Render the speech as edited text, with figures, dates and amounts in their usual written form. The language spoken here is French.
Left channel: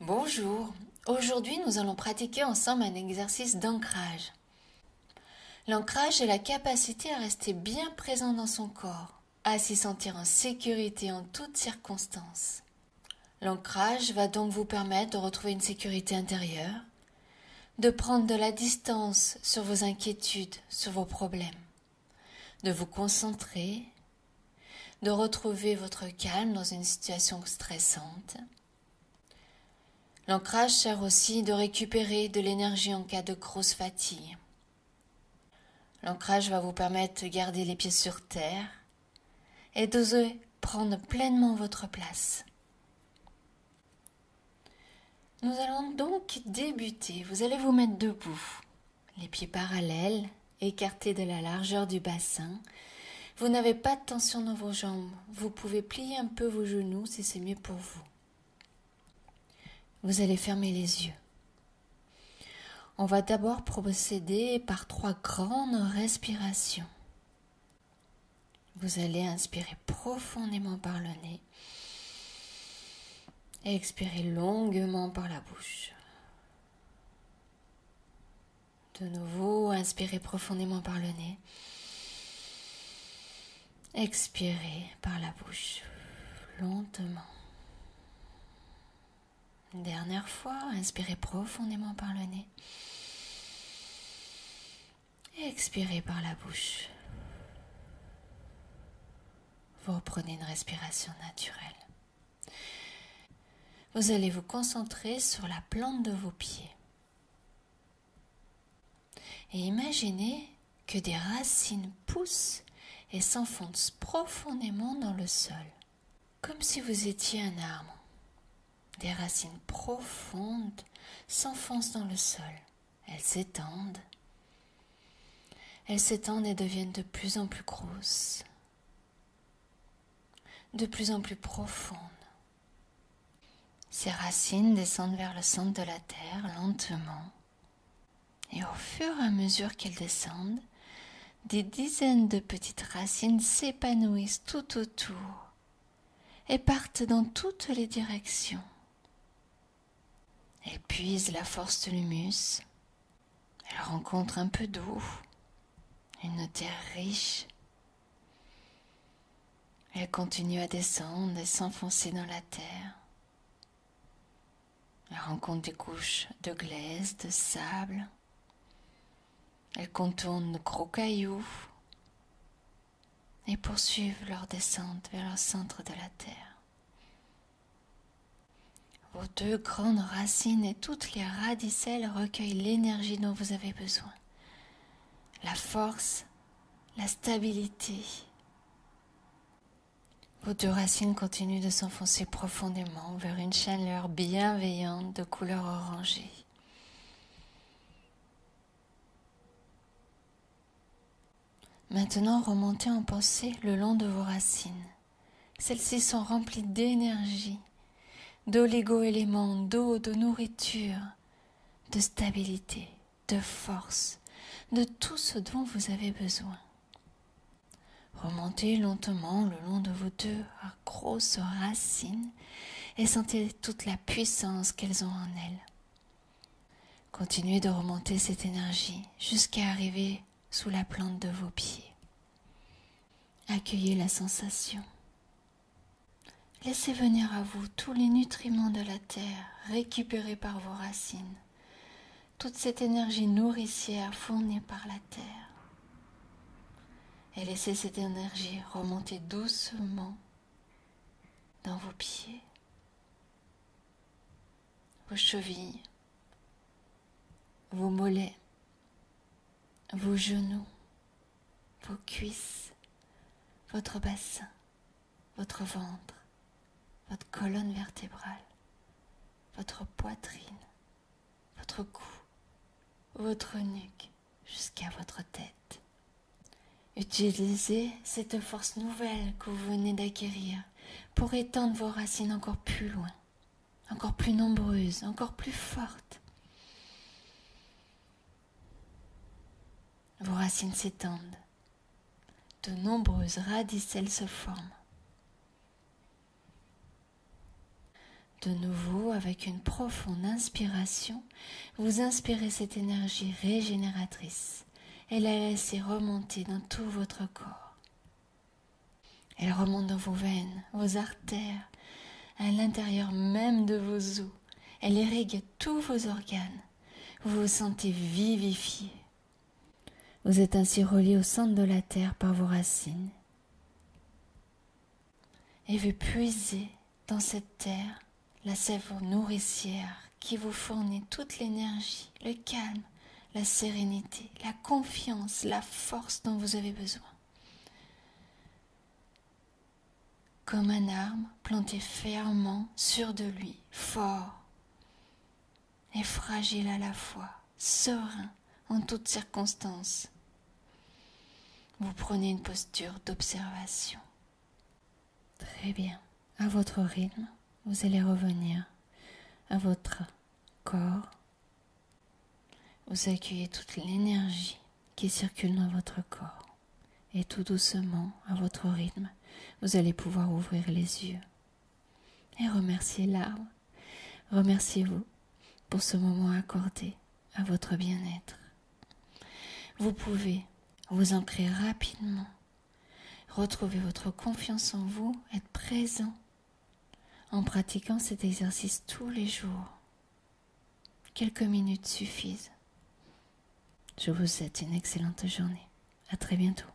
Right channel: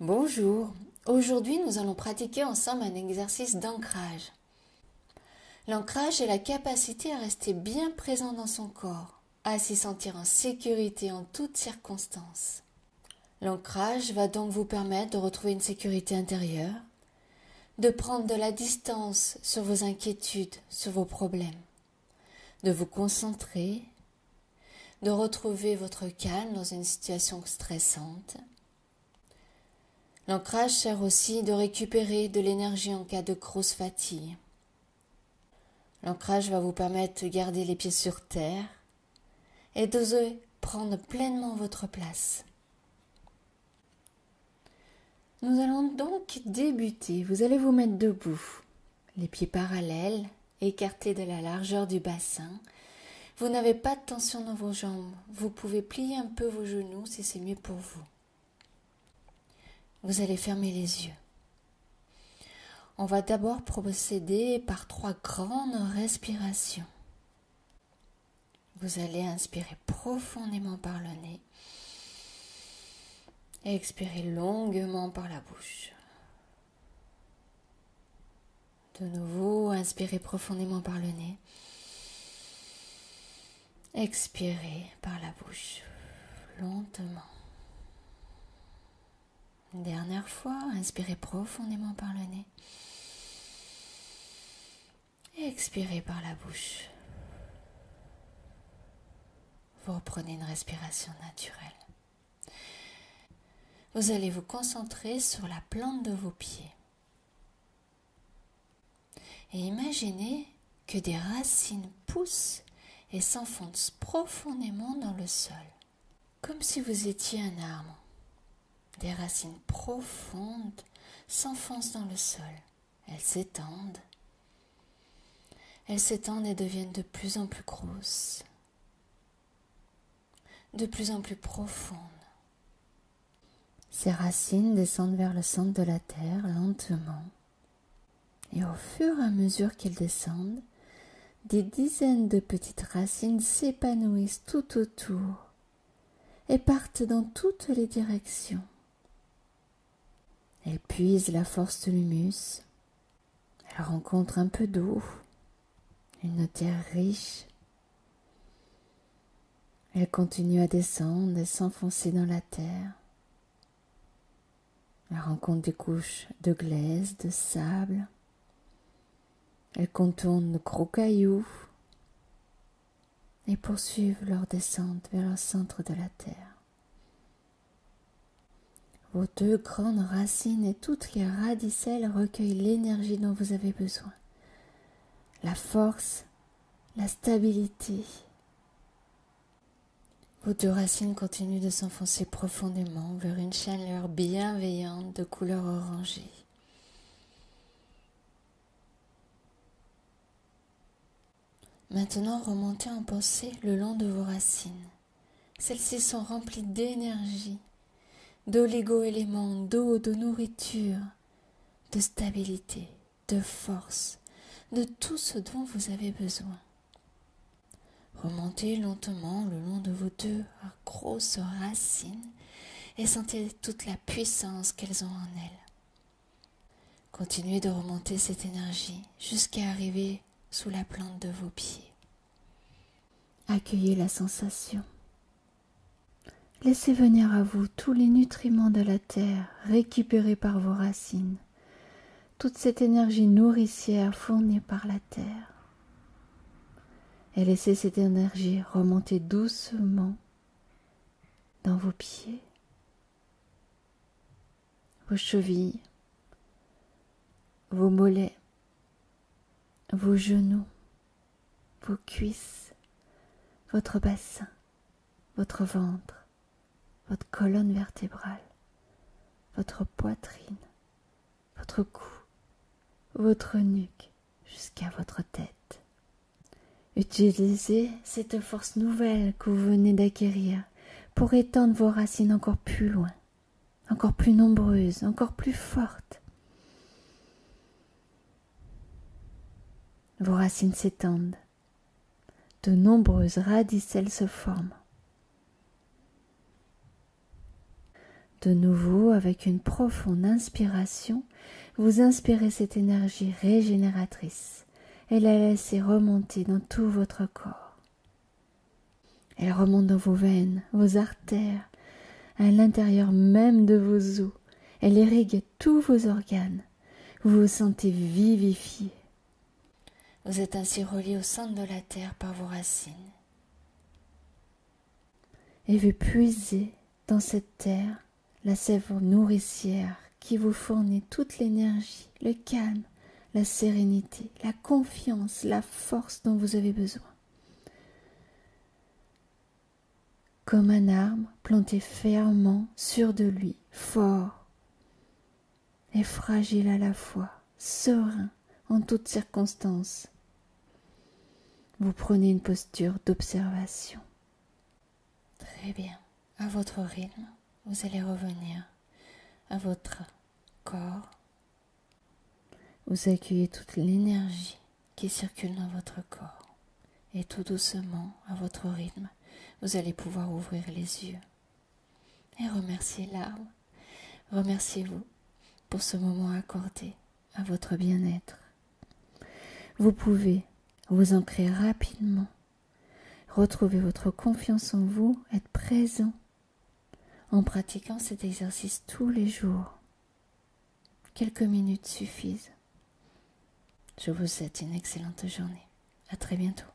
Bonjour, aujourd'hui nous allons pratiquer ensemble un exercice d'ancrage. L'ancrage est la capacité à rester bien présent dans son corps, à s'y sentir en sécurité en toutes circonstances. L'ancrage va donc vous permettre de retrouver une sécurité intérieure, de prendre de la distance sur vos inquiétudes, sur vos problèmes, de vous concentrer, de retrouver votre calme dans une situation stressante. L'ancrage sert aussi de récupérer de l'énergie en cas de grosse fatigue. L'ancrage va vous permettre de garder les pieds sur terre et d'oser prendre pleinement votre place. Nous allons donc débuter. Vous allez vous mettre debout, les pieds parallèles, écartés de la largeur du bassin. Vous n'avez pas de tension dans vos jambes. Vous pouvez plier un peu vos genoux si c'est mieux pour vous. Vous allez fermer les yeux. On va d'abord procéder par 3 grandes respirations. Vous allez inspirer profondément par le nez et expirer longuement par la bouche. De nouveau, inspirez profondément par le nez. Expirez par la bouche, lentement. Une dernière fois, inspirez profondément par le nez. Et expirez par la bouche. Vous reprenez une respiration naturelle. Vous allez vous concentrer sur la plante de vos pieds. Et imaginez que des racines poussent et s'enfoncent profondément dans le sol, comme si vous étiez un arbre. Des racines profondes s'enfoncent dans le sol. Elles s'étendent. Elles s'étendent et deviennent de plus en plus grosses, de plus en plus profondes. Ces racines descendent vers le centre de la terre lentement. Et au fur et à mesure qu'elles descendent, des dizaines de petites racines s'épanouissent tout autour et partent dans toutes les directions. Elles puisent la force de l'humus. Elles rencontrent un peu d'eau, une terre riche. Elles continuent à descendre et s'enfoncer dans la terre. Elles rencontrent des couches de glaise, de sable. Elles contournent de gros cailloux et poursuivent leur descente vers le centre de la terre. Vos 2 grandes racines et toutes les radicelles recueillent l'énergie dont vous avez besoin. La force, la stabilité. Vos 2 racines continuent de s'enfoncer profondément vers une chaleur bienveillante de couleur orangée. Maintenant, remontez en pensée le long de vos racines. Celles-ci sont remplies d'énergie, d'oligo-éléments, d'eau, de nourriture, de stabilité, de force, de tout ce dont vous avez besoin. Remontez lentement le long de vos 2 grosses racines et sentez toute la puissance qu'elles ont en elles. Continuez de remonter cette énergie jusqu'à arriver sous la plante de vos pieds. Accueillez la sensation. Laissez venir à vous tous les nutriments de la terre récupérés par vos racines, toute cette énergie nourricière fournie par la terre. Et laissez cette énergie remonter doucement dans vos pieds, vos chevilles, vos mollets, vos genoux, vos cuisses, votre bassin, votre ventre, votre colonne vertébrale, votre poitrine, votre cou, votre nuque, jusqu'à votre tête. Utilisez cette force nouvelle que vous venez d'acquérir pour étendre vos racines encore plus loin, encore plus nombreuses, encore plus fortes. Vos racines s'étendent. De nombreuses radicelles se forment. De nouveau, avec une profonde inspiration, vous inspirez cette énergie régénératrice et la laissez remonter dans tout votre corps. Elle remonte dans vos veines, vos artères, à l'intérieur même de vos os. Elle irrigue tous vos organes. Vous vous sentez vivifié. Vous êtes ainsi relié au centre de la terre par vos racines. Et vous puisez dans cette terre la sève nourricière qui vous fournit toute l'énergie, le calme, la sérénité, la confiance, la force dont vous avez besoin. Comme un arbre planté fermement, sûr de lui, fort et fragile à la fois, serein en toutes circonstances. Vous prenez une posture d'observation. Très bien, à votre rythme, vous allez revenir à votre corps. Vous accueillez toute l'énergie qui circule dans votre corps. Et tout doucement, à votre rythme, vous allez pouvoir ouvrir les yeux et remercier l'arbre. Remerciez-vous pour ce moment accordé à votre bien-être. Vous pouvez vous ancrer rapidement, retrouver votre confiance en vous, être présent en pratiquant cet exercice tous les jours. Quelques minutes suffisent. Je vous souhaite une excellente journée. À très bientôt.